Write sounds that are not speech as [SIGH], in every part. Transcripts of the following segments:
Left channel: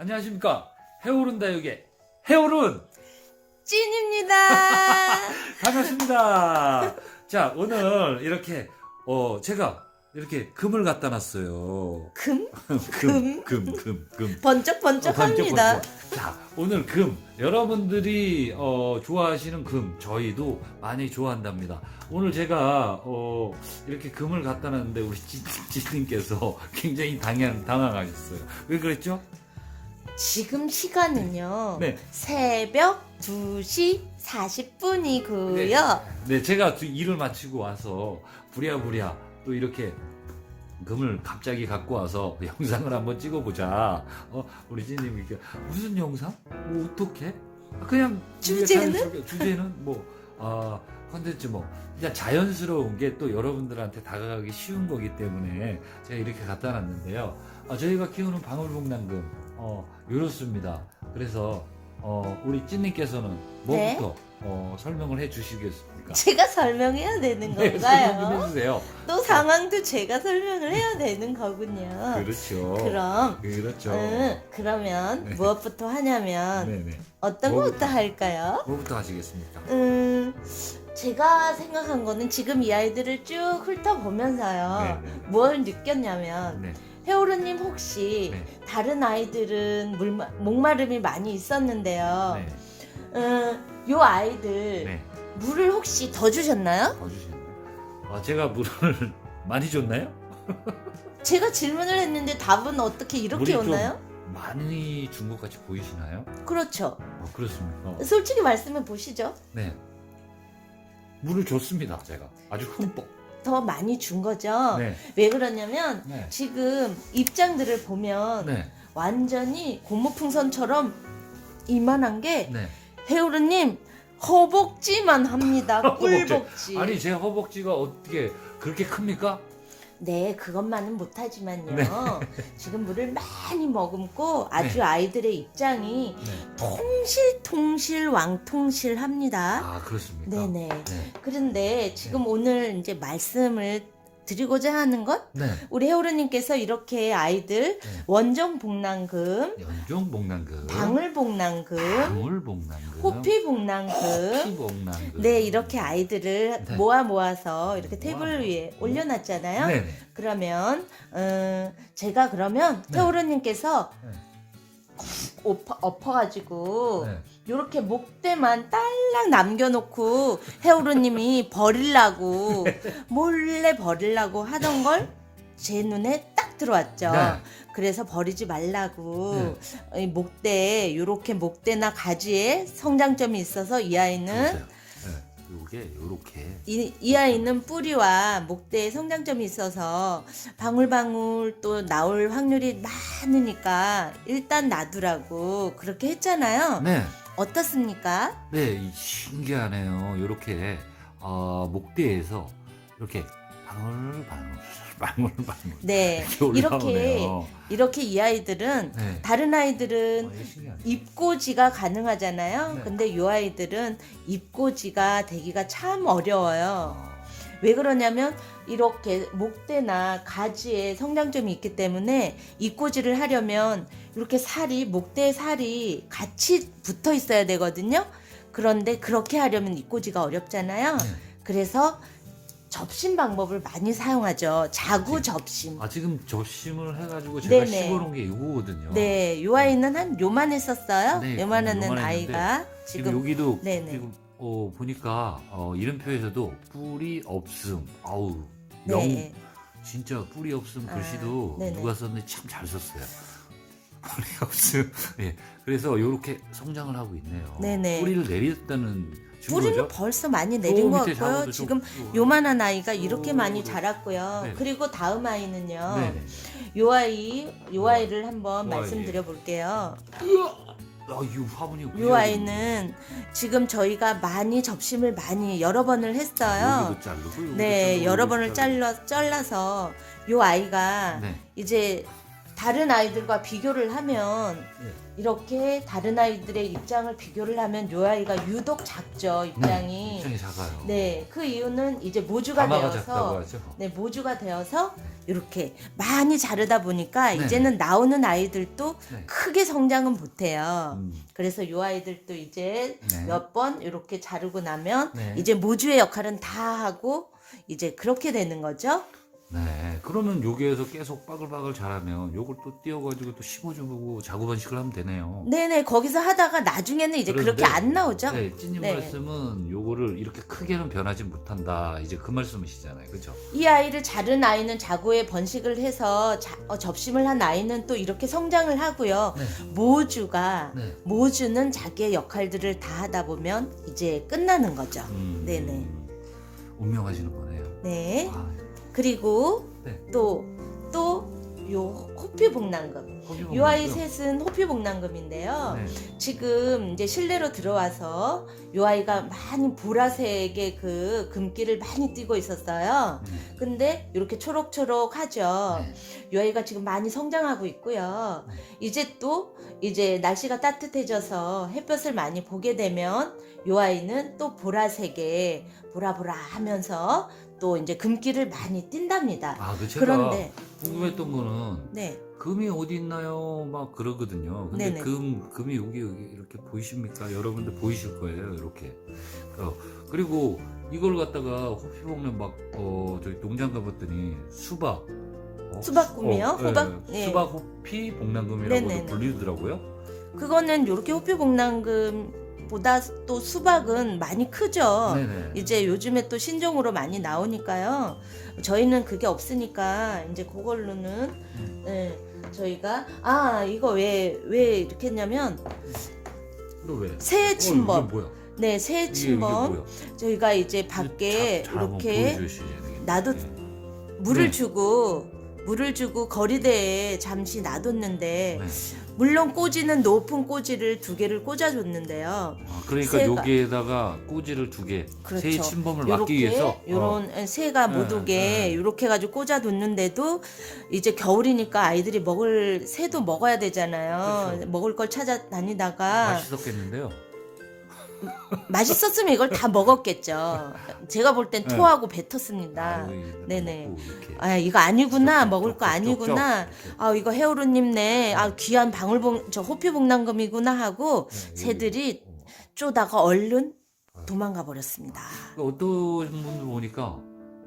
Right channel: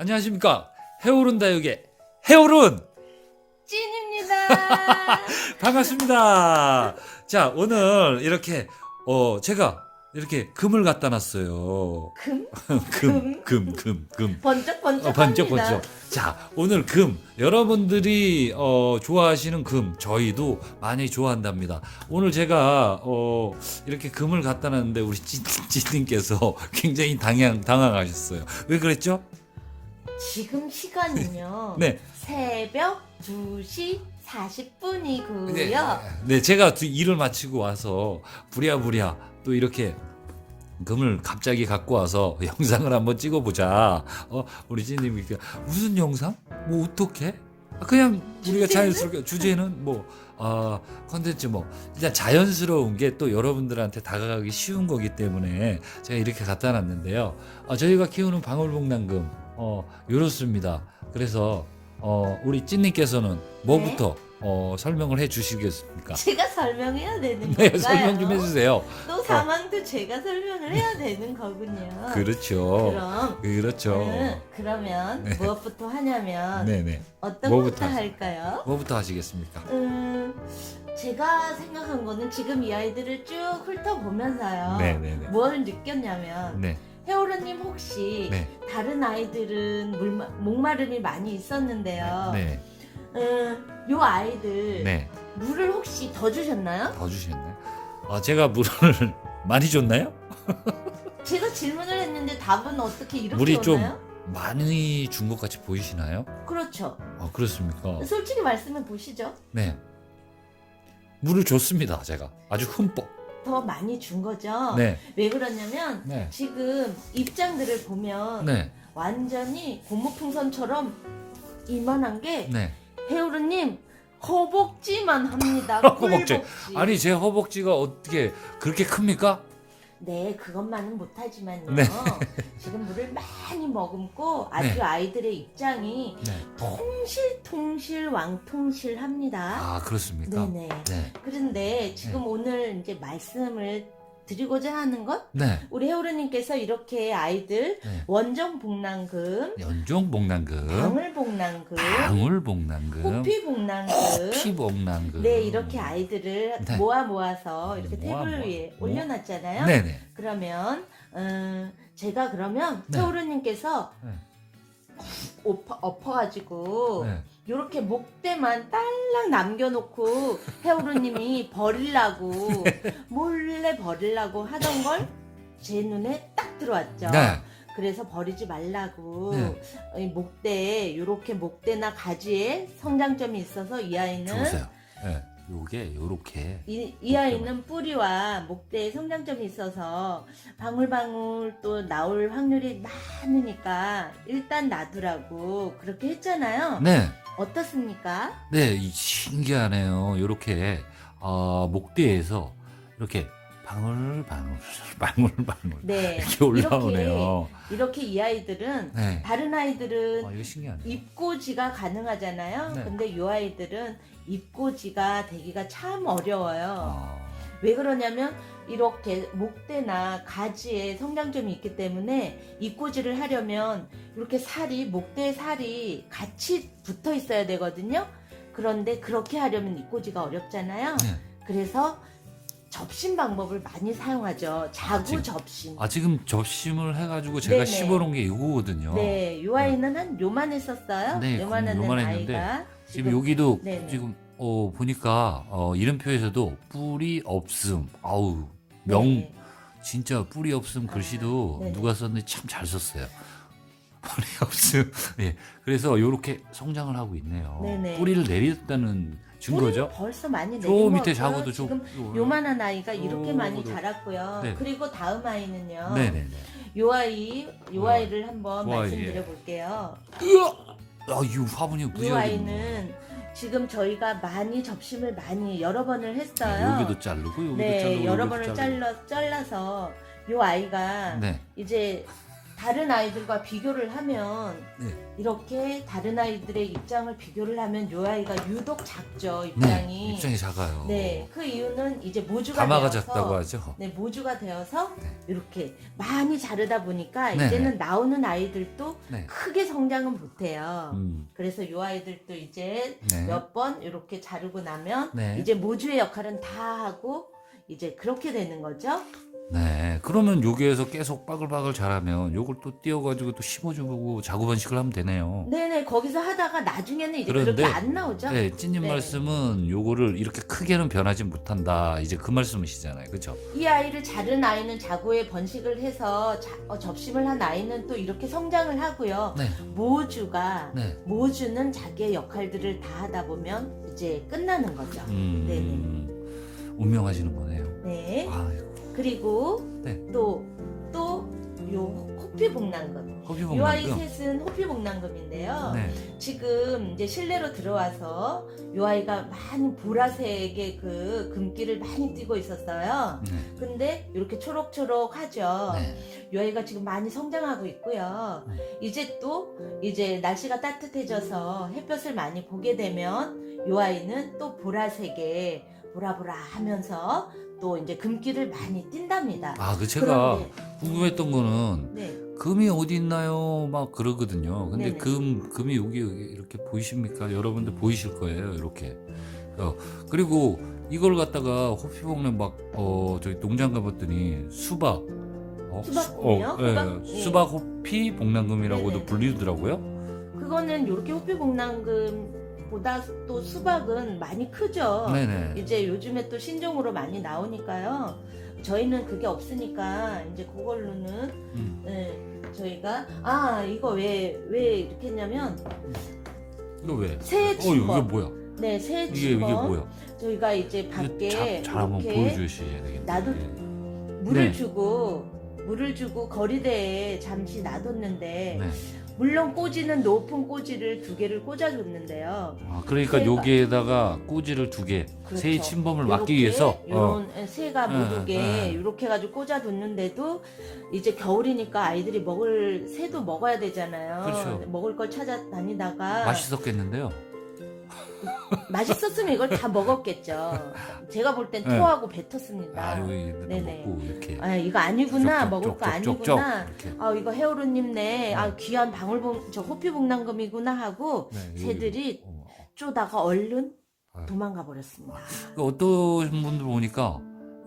안녕하십니까 해오른 다육의 해오른 찐입니다. [LAUGHS] 반갑습니다. 자 오늘 이렇게 어 제가 이렇게 금을 갖다 놨어요. 금? [LAUGHS] 금, 금, 금, 금. 어, 번쩍번쩍 합니다. 자, 오늘 금 여러분들이 어, 좋아하시는 금 저희도 많이 좋아한답니다. 오늘 제가 어, 이렇게 금을 갖다 놨는데 우리 찌님께서 [LAUGHS] 굉장히 당황 당황하셨어요. 왜 그랬죠? 지금 시간은요. 네. 새벽 2시 40분이고요. 네, 네, 제가 두- 일을 마치고 와서 부랴부랴 또 이렇게 금을 갑자기 갖고 와서 영상을 한번 찍어보자. 어, 우리 이렇게 무슨 영상? 뭐 어떻게? 그냥 우리가? 자연스럽게 주제는 뭐 아, 컨텐츠 뭐 일단 자연스러운 게 또 여러분들한테 다가가기 쉬운 거기 때문에 제가 이렇게 갖다 놨는데요. 아, 저희가 키우는 방울복랑금 어, 요렇습니다. 그래서 어, 우리 찐님께서는 뭐부터 어, 설명을 해 주시겠습니까? 제가 설명해야 되는 [LAUGHS] 네, 건가요? 설명 좀 해주세요. 또 상황도 제가 설명을 해야 되는 거군요. 그렇죠. 그럼 그렇죠. 음, 그러면 네. 무엇부터 하냐면 네네. 어떤 뭐부터? 것부터 할까요? 뭐부터 하시겠습니까? 음, 제가 생각한 거는 지금 이 아이들을 쭉 훑어보면서요. 네네네. 뭘 느꼈냐면 네. 해오르님 혹시 네. 다른 아이들은 물마, 목마름이 많이 있었는데요. 네. 음, 요 아이들 네. 물을 혹시 더 주셨나요? 더 주셨나요? 아, 제가 물을 [LAUGHS] 많이 줬나요? [LAUGHS] 제가 질문을 했는데 답은 어떻게 이렇게 물이 좀 오나요? 많이 준 것 같이 보이시나요? 그렇죠. 아, 그렇습니까? 솔직히 말씀해 보시죠. 네. 물을 줬습니다, 제가. 아주 흠뻑. 더 많이 준 거죠. 네. 왜 그러냐면 네. 지금 입장들을 보면 네. 완전히 고무풍선처럼 이만한 게 네. 해오르님 허벅지만 합니다. [LAUGHS] 허벅지. 꿀벅지. 아니, 제 허벅지가 어떻게 그렇게 큽니까? 네, 그것만은 못하지만요. 네. [LAUGHS] 지금 물을 많이 머금고 아주 아이들의 입장이 네. 통실통실 왕통실합니다. 아, 그렇습니까? 네네. 네. 그런데 지금 오늘 이제 말씀을 드리고자 하는 것, 네. 우리 해오르님께서 이렇게 아이들 네. 원정복랑금, 연종복랑금. 방울복랑금, 방울복랑금. 호피복랑금, 피복랑금. 네 이렇게 아이들을 네. 모아 모아서 이렇게 모아 테이블 모아. 위에 모- 올려놨잖아요. 네네. 그러면 음, 제가 그러면 네. 태우르님께서 네. 엎어, 엎어가지고 네. 이렇게 목대만 딸랑 남겨놓고 해오르님이 버릴라고 몰래 버릴라고 하던 걸 제 눈에 딱 들어왔죠. 네. 그래서 버리지 말라고 네. 이 목대에 이렇게 목대나 가지에 성장점이 있어서 이 아이는. 네. 요게 요렇게. 이, 이 아이는 뿌리와 목대에 성장점이 있어서 방울방울 또 나올 확률이 많으니까 일단 놔두라고 그렇게 했잖아요. 네. 어떻습니까? 네, 이 신기하네요. 요렇게 어, 목대에서 이렇게 방울 방울 [LAUGHS] 방울 방울 네. 이렇게 이렇게 올라오네요. 이렇게 이 아이들은 네. 다른 아이들은 아, 이거 신기하네. 입고지가 가능하잖아요. 네. 근데 이 아이들은 입고지가 되기가 참 어려워요. 아, 왜 그러냐면 이렇게 목대나 가지에 성장점이 있기 때문에 입고지를 하려면 이렇게 살이 목대 살이 같이 붙어 있어야 되거든요. 그런데 그렇게 하려면 입고지가 어렵잖아요. 네. 그래서 접심 방법을 많이 사용하죠. 자구 접심. 아, 지금 접심을 해가지고 제가 네네. 씹어놓은 게 이거거든요. 네, 요 아이는 한 요만했었어요. 네, 요만한 요만했는데 아이가 지금, 지금 여기도 네네. 지금 어, 보니까 어, 이름표에서도 뿌리 없음. 아우 명 네. 진짜 뿌리 없음 아, 글씨도 네네. 누가 썼는데 참 잘 썼어요. [LAUGHS] 뿌리 없음. 예. 그래서 이렇게 성장을 하고 있네요. 네네. 뿌리를 내렸다는 뿌리는. 벌써 많이 저 내린 것 밑에. 잡아도 좀- 지금 좀- 요만한 아이가 이렇게 오, 많이 네. 자랐고요. 네. 그리고 다음 아이는요. 네네. 요 아이, 요 네. 아이를 한번 요 아이, 말씀드려 볼게요. 아, 이 화분이 요 아이는 지금 저희가 많이 접심을 많이 여러 번을 했어요. 여기도 자르고 여기도 네, 자르고, 여러 여기도 번을. 잘라 잘라서 요 아이가 네. 이제 다른 아이들과 비교를 하면 네. 이렇게 다른 아이들의 입장을 비교를 하면 요 아이가 유독 작죠 네, 입장이. 입장이 작아요. 네, 그 이유는 이제 모주가 가마가 되어서 작다고 하죠. 네, 모주가 되어서 네. 이렇게 많이 자르다 보니까 네. 이제는 나오는 아이들도 네. 크게 성장은 못 해요. 음, 그래서 이 아이들도 이제 네. 몇 번 이렇게 자르고 나면 네. 이제 모주의 역할은 다 하고 이제 그렇게 되는 거죠. 네. 그러면 여기에서 계속 빠글빠글 자라면 요걸 또 띄워가지고 또 심어주고 자구번식을 하면 되네요. 네네 거기서 하다가 나중에는 이제 그런데- 그렇게 안 나오죠. 네, 찐님 네. 말씀은 요거를 이렇게 크게는 변하지 못한다. 이제 그 말씀이시잖아요. 그렇죠? 이 아이를 자른 아이는 자구에 번식을 해서 자- 어, 접심을 한 아이는 또 이렇게 성장을 하고요. 네. 모주가 네. 모주는 자기의 역할들을 다 하다 보면 이제 끝나는 거죠. 음, 네네. 운명하시는 거네요. 네. 아, 그리고 네. 또또요 호피복랑금. 요 아이. 셋은 호피복랑금인데요. 네. 지금 이제 실내로 들어와서 요 아이가 많이 보라색의 그 금기를 많이 띠고 있었어요. 네. 근데 이렇게 초록초록하죠. 네. 요 아이가 지금 많이 성장하고 있고요. 네. 이제 또 이제 날씨가 따뜻해져서 햇볕을 많이 보게 되면 요 아이는 또 보라색에 보라보라 하면서 또 이제 금기를 많이 띈답니다. 아, 그 제가 그런데 궁금했던 거는 네. 금이 어디 있나요? 막 그러거든요. 근데 네네. 금 금이 여기 여기 이렇게 보이십니까? 여러분들 보이실 거예요. 이렇게. 어, 그리고 이걸 갖다가 호피봉는 막어 저기 농장 가봤더니 수박 어? 수박금이요? 어, 예, 호박? 네. 수박 호피 복랑금이라고도 네네네. 불리더라고요. 그거는 이렇게 호피복랑금 보다 또 수박은 많이 크죠. 네네. 이제 요즘에 또 신종으로 많이 나오니까요. 저희는 그게 없으니까 이제 그걸로는 음. 네, 저희가 아 이거 왜 왜 이렇게 했냐면 이거 왜? 새 어, 이게 침범. 뭐야? 네, 새 이게 이게 침범. 뭐야? 저희가 이제 밖에 한번 이렇게 보여주셔야 되겠네. 놔도 네. 물을 네. 주고 물을 주고 거리대에 잠시 놔뒀는데 네. 물론 꼬지는 높은 꼬지를 두 개를 꽂아줬는데요. 아, 그러니까 새가- 여기에다가 꼬지를 두 개, 그렇죠. 새의 침범을 막기 위해서 어. 이런 새가 못 음, 오게 음. 이렇게 해가지고 꽂아뒀는데도 이제 겨울이니까 아이들이 먹을 새도 먹어야 되잖아요. 그렇죠. 먹을 걸 찾아다니다가 맛있었겠는데요. 맛있었으면 이걸 다 먹었겠죠. 제가 볼땐 네. 토하고 뱉었습니다. 아유, 네네. 먹고 이렇게. 아 이거 아니구나 쪽, 먹을 쪽, 거 쪽, 아니구나 쪽, 쪽, 이렇게. 아 이거 헤어루님네 아 귀한 방울봉 저 호피복랑금이구나 하고 네. 새들이 어. 쪼다가 얼른 아유. 도망가 버렸습니다. 그 어떤 분들 보니까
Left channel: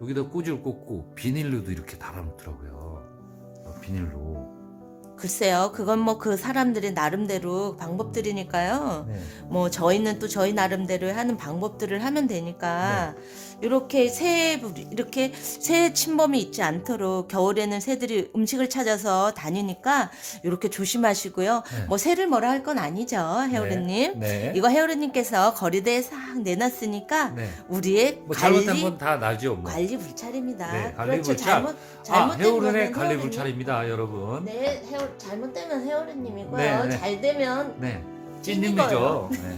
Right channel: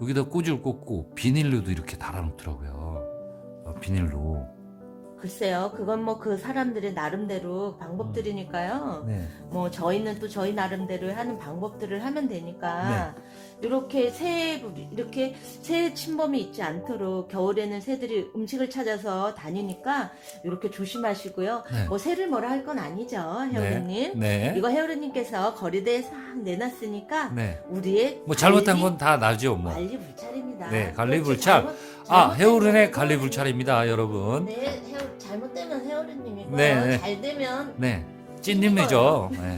여기다 꼬지를 꽂고 비닐로도 이렇게 달아놓더라고요. 어, 비닐로. 글쎄요 그건 뭐 그 사람들의 나름대로 방법들이니까요. 네. 뭐 저희는 또 저희 나름대로 하는 방법들을 하면 되니까 네. 이렇게 새 이렇게 새 침범이 있지 않도록 겨울에는 새들이 음식을 찾아서 다니니까 이렇게 조심하시고요. 네. 뭐 새를 뭐라 할 건 아니죠, 헤어리님. 네. 이거 헤어리님께서 거리대에 싹 내놨으니까 네. 우리의 뭐 관리- 건다 나죠, 뭐. 관리 불찰입니다. 네, 관리 그렇죠. 불찰. 잘못- 아, 해오른의 거는 관리 불찰입니다, 여러분. 네, 헤어, 잘못되면 헤어리님이고요. 네, 네. 잘 되면 네. 찐님이죠. 네.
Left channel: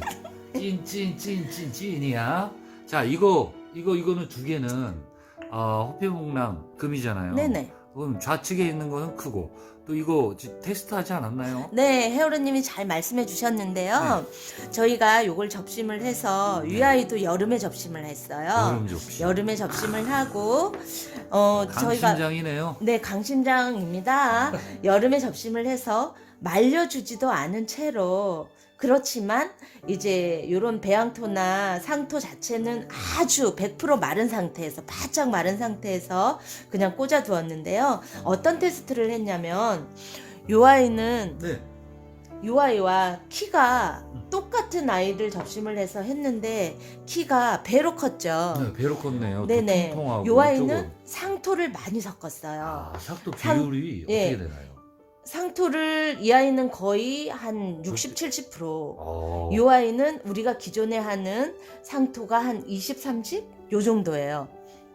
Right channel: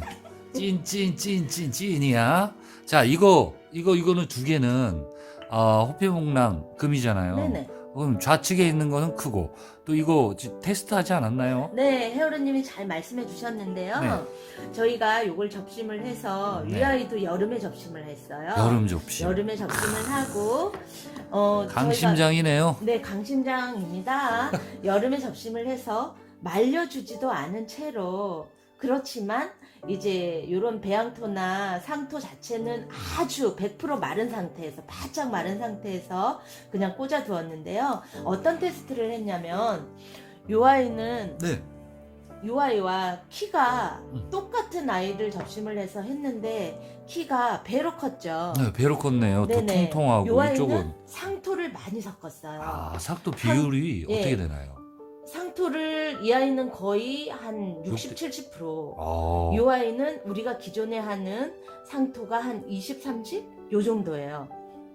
찐, 찐, 찐, 찐, 찐이야. 자, 이거, 이거, 이거는 두 개는, 어, 호피봉랑 금이잖아요. 네네. 그럼 좌측에 있는 거는 크고, 또 이거 지- 테스트 하지 않았나요? 네, 헤어리님이 잘 말씀해 주셨는데요. 저희가 요걸 접심을 해서 네. 위아이도 여름에 접심을 했어요. 여름 접시. 여름에 접심을 하고 어 저희가 강심장이네요. 네 강심장입니다. [LAUGHS] 여름에 접심을 해서 말려주지도 않은 채로 그렇지만 이제 이런 배양토나 상토 자체는 아주 100% 마른 상태에서 바짝 마른 상태에서 그냥 꽂아 두었는데요. 어떤 테스트를 했냐면 요 아이는 네. 요 아이와 키가 음. 똑같은 아이를 접심을 해서 했는데 키가 배로 컸죠. 네, 배로 컸네요. 또 네네. 통통하고 요 아이는 이쪽은. 상토를 많이 섞었어요. 아, 삭도 비율이 예. 어떻게 되나요? 상토를 이 아이는 거의 한 60, 그때- 70%. 어. 이 아이는 우리가 기존에 하는 상토가 한 20, 30? 요 정도예요.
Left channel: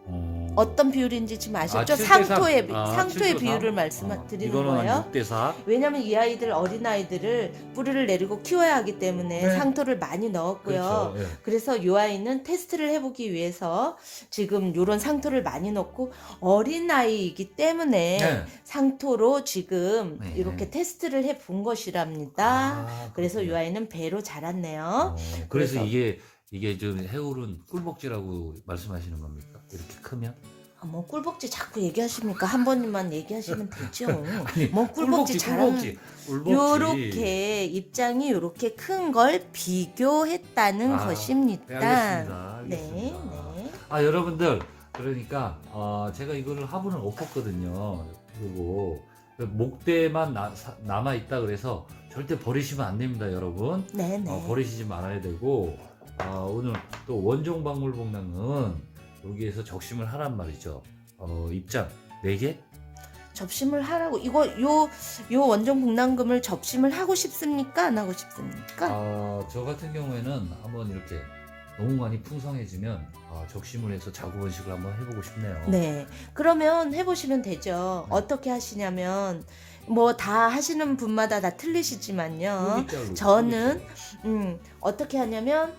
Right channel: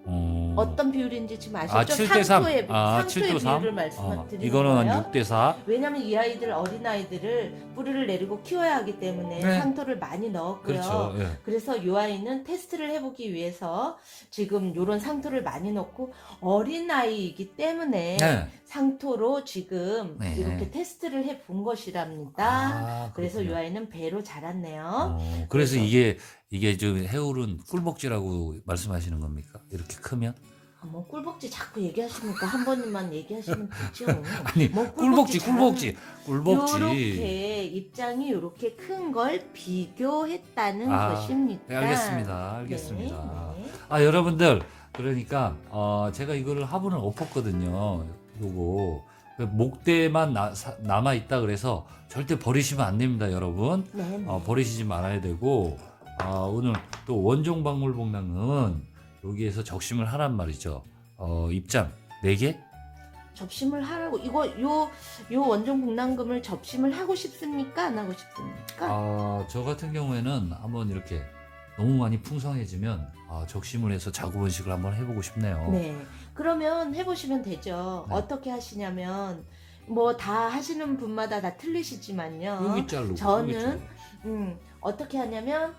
음. 어떤 비율인지 지금 아시죠? 아, 7대 3. 상토의 아, 상토의 7대 3? 비율을 어, 말씀드리는 이거는 거예요. 6대 4. 왜냐면 이 아이들 어린 아이들을 뿌리를 내리고 키워야 하기 때문에 네. 상토를 많이 넣었고요. 그렇죠. 예. 그래서 이 아이는 테스트를 해보기 위해서 지금 이런 상토를 많이 넣고 어린 아이이기 때문에 네. 상토로 지금 네. 이렇게 테스트를 해본 것이랍니다. 아, 그래서 이 그렇군요. 아이는 배로 자랐네요. 어, 그래서 그래서- 이게 이게 좀 해울은 꿀복지라고 말씀하시는 겁니까? 이렇게 크면? 아, 뭐 꿀벅지 자꾸 얘기하십니까? 한 번만 얘기하시면 되죠. [LAUGHS] 아니 뭐 꿀벅지 꿀복지 꿀복지. 요렇게 입장이 요렇게 큰 걸 비교했다는 아, 것입니다. 네, 알겠습니다. 알겠습니다. 네, 네. 아 여러분들 그러니까 어, 제가 이거를 화분을 엎었거든요. 그리고 목대만 남아 있다 그래서 절대 버리시면 안 됩니다, 여러분. 네, 네. 어, 버리시지 말아야 되고 어, 오늘 또 원종 박물 복랑은 여기에서 적심을 하란 말이죠. 어, 입장 4개? 접심을 하라고 이거 요 요 원종 북랑금을 접심을 하고 싶습니까? 안 하고 싶습니까? 어, 저 같은 경우에는 한번 이렇게 너무 많이 풍성해지면 어, 적심을 해서 자구 번식을 한번 해보고 싶네요. 네. 그러면 해보시면 되죠. 네. 어떻게 하시냐면 뭐 다 하시는 분마다 다 틀리시지만요. 여기 자르고 저는 여기 음, 어떻게 하냐면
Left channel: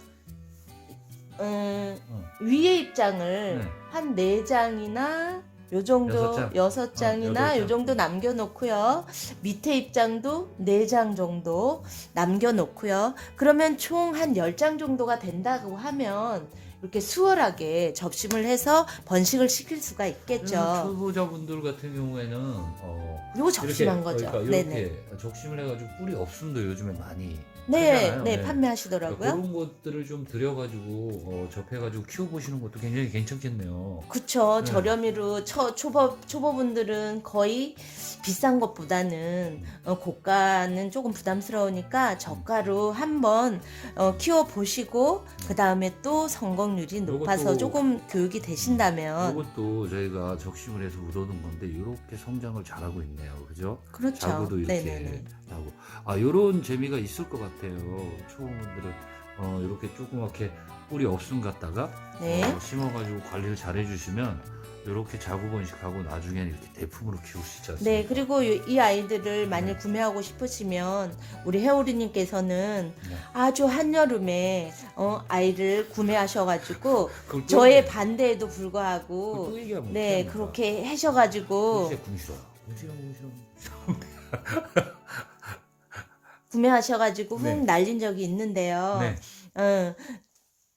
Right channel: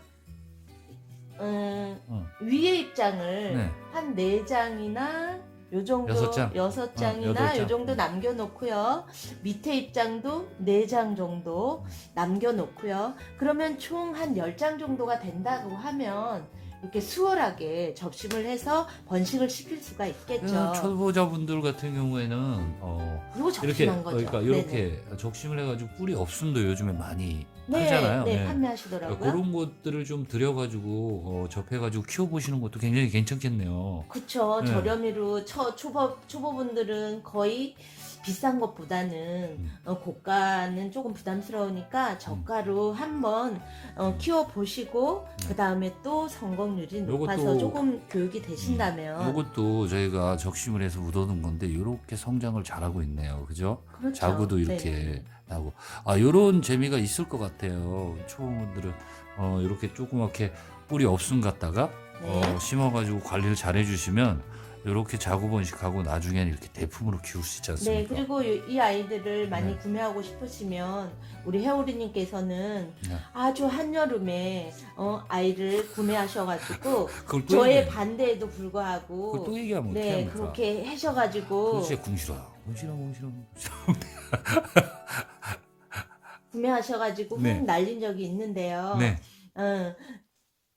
음, 응. 위에 입장을 네. 한 네 장이나 요 정도 여섯 장? 여섯 장이나 어, 여덟 요 장. 정도 남겨 놓고요. 밑에 입장도 네 장 정도 남겨 놓고요. 그러면 총 한 열 장 정도가 된다고 하면 이렇게 수월하게 접심을 해서 번식을 시킬 수가 있겠죠. 음, 초보자분들 같은 경우에는 어, 이거 접심한 거죠. 그러니까 네네. 이렇게 적심을 해가지고 뿌리 없음도 요즘에 많이 네, 하잖아요. 네, 네. 판매하시더라고요. 그러니까 그런 것들을 좀 들여가지고 어, 접해가지고 키워보시는 것도 굉장히 괜찮겠네요. 그쵸. 네. 저렴이로 초, 초보, 초보분들은 거의 비싼 것보다는 음. 어, 고가는 조금 부담스러우니까 저가로 한번 어, 키워 보시고 음. 그 다음에 또 성공률이 높아서 요것도- 음. 조금 교육이 되신다면 이것도 저희가 적심을 해서 묻어둔 건데 이렇게 성장을 잘하고 있네요. 그죠? 그렇죠. 자구도 이렇게 네네네. 나고 아 이런 재미가 있을 것 같아요. 초보분들은 어, 이렇게 조그맣게 뿌리 없음 갖다가 네. 어, 심어가지고 관리를 잘 해주시면 이렇게 자구 번식하고 나중에는 이렇게 대품으로 키울 수 있지 않습니까? 네, 그리고 이- 이 아이들을 많이 네. 구매하고 싶으시면 우리 해오리님께서는 네. 아주 한여름에 어, 아이를 구매하셔가지고 [LAUGHS] 그걸 또 저의 얘기해. 반대에도 그걸 불구하고 또 얘기하면 네 어떡합니까? 그렇게 하셔가지고 진짜 궁시러 궁시러 궁시러 구매하셔가지고 네. 흥 날린 적이 있는데요. 네. 어,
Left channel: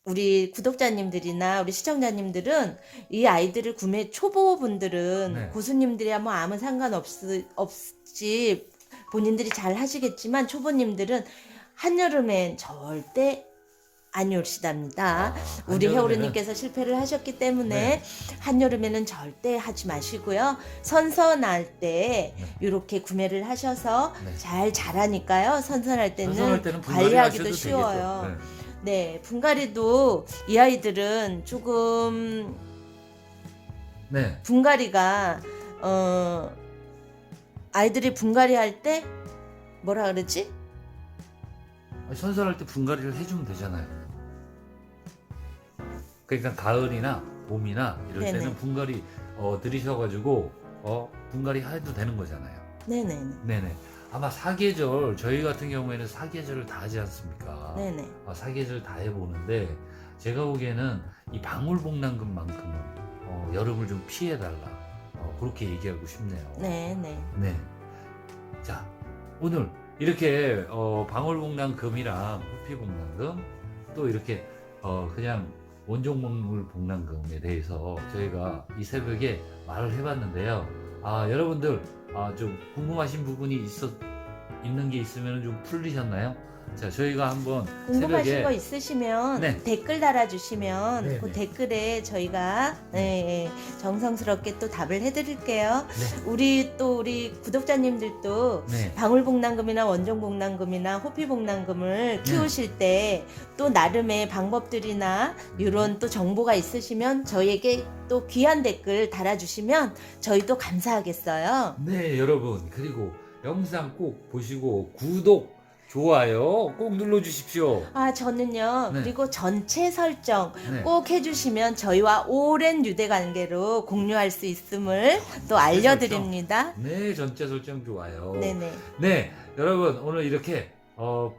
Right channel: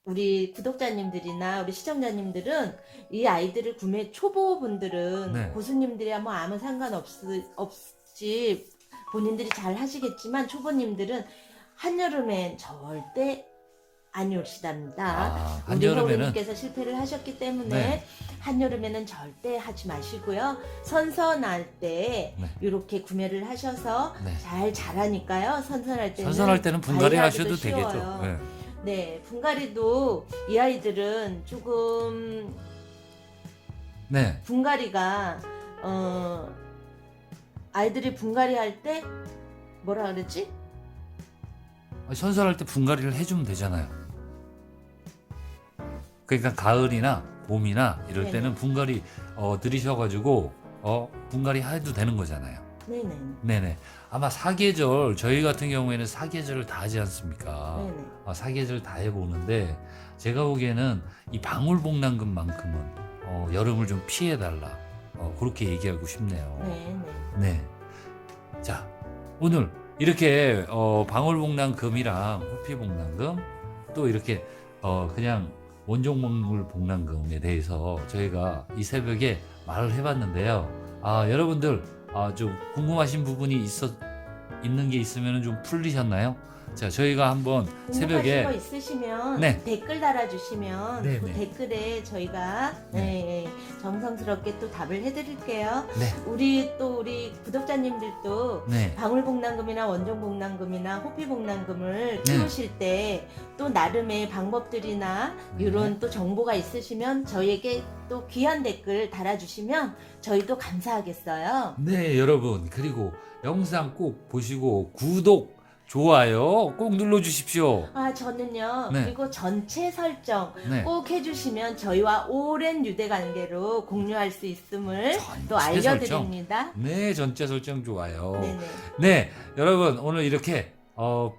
우리 구독자님들이나 우리 시청자님들은 이 아이들을 구매 초보분들은 네. 고수님들이야 뭐 아무 상관없 없이 본인들이 잘 하시겠지만 초보님들은 한여름엔 절대 안 올시답니다. 아, 우리 해오리님께서 실패를 하셨기 때문에 네. 한여름에는 절대 하지 마시고요. 선선할 때 네. 이렇게 구매를 하셔서 네. 잘 자라니까요. 선선할 때는 선선할 때는 분갈이 하셔도 쉬워요. 되겠죠. 네. 네, 분갈이도 이 아이들은 조금 네. 분갈이가 어 아이들이 분갈이 할 때 뭐라 그러지? 선선할 때 분갈이를 해주면 되잖아요. 그러니까 가을이나 봄이나 이럴 네네. 때는 분갈이 어, 들이셔가지고 어, 분갈이 해도 되는 거잖아요. 네네 네네. 아마 사계절 저희 같은 경우에는 사계절을 다 하지 않습니까? 네네 아, 사계절 다 해보는데 제가 보기에는 이 방울복랑금만큼은 어, 여름을 좀 피해달라 어, 그렇게 얘기하고 싶네요. 네네 네. 자, 오늘 이렇게 어, 방울복랑금이랑 호피복랑금 또 이렇게 어, 그냥 원종목물 복랑금에 대해서 저희가 이 새벽에 말을 해봤는데요. 아, 여러분들 아, 좀 궁금하신 부분이 있어 있는 게 있으면 좀 풀리셨나요? 자, 저희가 한번 궁금하신 새벽에 거 있으시면 네. 댓글 달아주시면 네, 그 네. 댓글에 저희가 네, 예, 정성스럽게 또 답을 해드릴게요. 네, 우리 또 우리 구독자님들도 네, 방울복랑금이나 원종복랑금이나 호피복랑금을 키우실 때 또 나름의 방법들이나 네. 이런 또 정보가 있으시면 저희에게 또 귀한 댓글 달아주시면 저희도 감사하겠어요. 네, 여러분 그리고 영상 꼭 보시고 구독, 좋아요 꼭 눌러 주십시오. 아, 저는요. 네. 그리고 전체 설정 네. 꼭 해주시면 저희와 오랜 유대 관계로 공유할 수 있음을 또. 알려드립니다. 네, 전체 설정 좋아요. 네네. 네, 여러분 오늘 이렇게 어,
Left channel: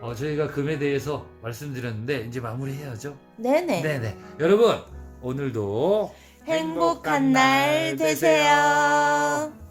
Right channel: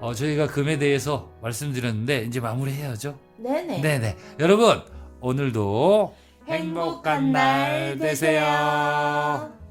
어, 저희가 금에 대해서 말씀드렸는데 이제 마무리해야죠. 네네. 네, 네. 여러분 오늘도 행복한 날 되세요.